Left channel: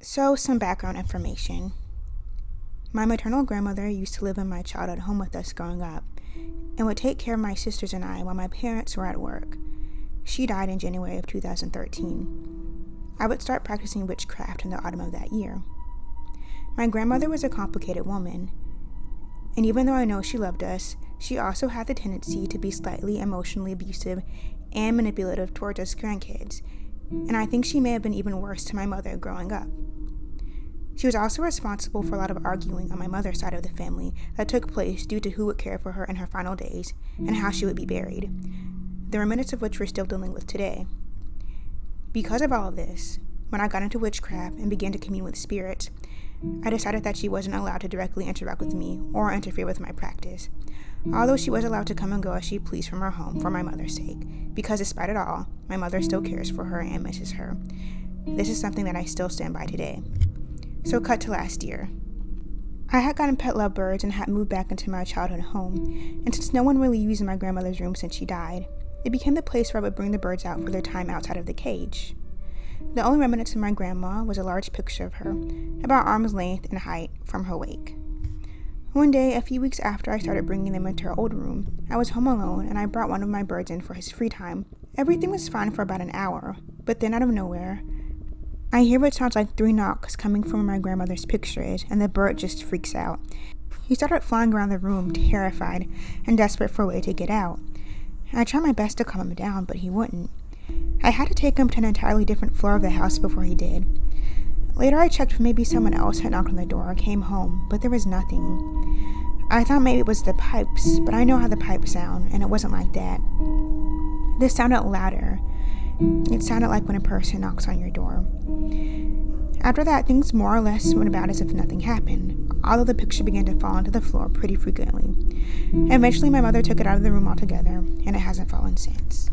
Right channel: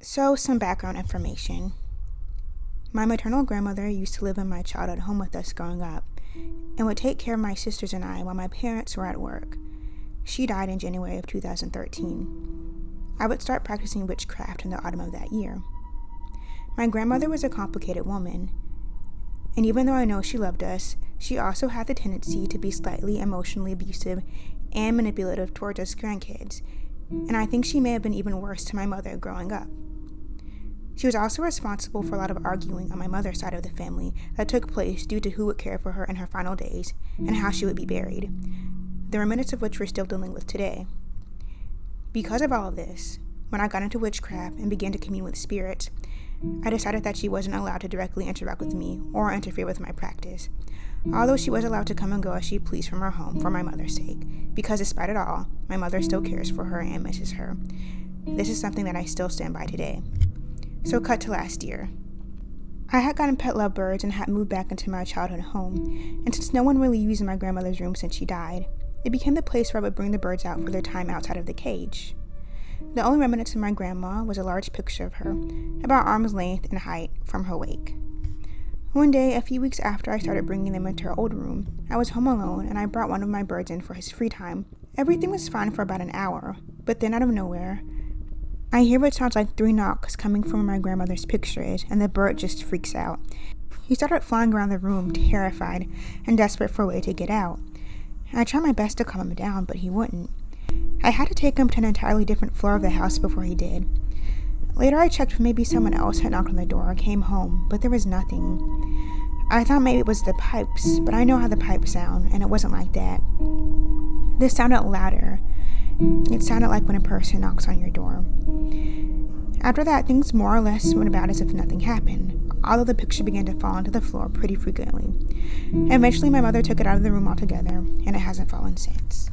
So, some background information. My maternal grandmother used to live in my childhood home with us growing up and would take care of my sisters and I while my parents were at work. She died in January of 2013. I would start practicing witchcraft in the autumn of that year. My grandmother was a complicated woman, and even though I know she loved us, she also had the tendency to be slightly emotionally abusive and manipulative towards us grandkids, and I think she may have been even worse to my mother growing up. She was also responsible for a lot of arguing on my mother's side of the family that took place due to who would care for her in her final days and how she would be buried, the remnants of which we're still dealing with today. Because of all of this, when I got into witchcraft and began to commune with spirits, I decided that she wasn't allowed to directly interact with me or interfere with my practice, although she was allowed to come and go as she pleased from her home for my mother's sake, because despite it all, my mother still cares for her and misses her. This is something that I still stand by today. So cut to last year. I had gotten pet lovebirds and had moved back into my childhood home, and since no one really used my grandmother's room since she died, it became the place where I would bring the birds out for their time outside of the cage. The only remnants of my grandma was a large picture of her, about arm's length in height, from her wake. One day, a few weeks after I started bringing them into our old room, I was home alone and I brought one of my birds in for his free time. Everything was fine for about an hour, but then out of nowhere, I hear what sounds like 3 knocks coming from where my grandmother's picture is, and the bird just freaks out. He started flying around the room, terrified and desperate for a way to get out. I tried my best to calm him down, but he wouldn't. I had to take him to an entirely different floor of the house before he did. Later I checked if maybe someone else had knocked on the door or came home, but there was nothing. I thought maybe it was the pipes, but I know how the pipes sound, and it wasn't like that. This sounded louder. It sounded like when a person knocks on your door. After that, things more or less went about as if nothing happened, although the picture began to fall onto the floor pretty frequently. Eventually, my mother took it out of the room altogether, and it hasn't fallen since.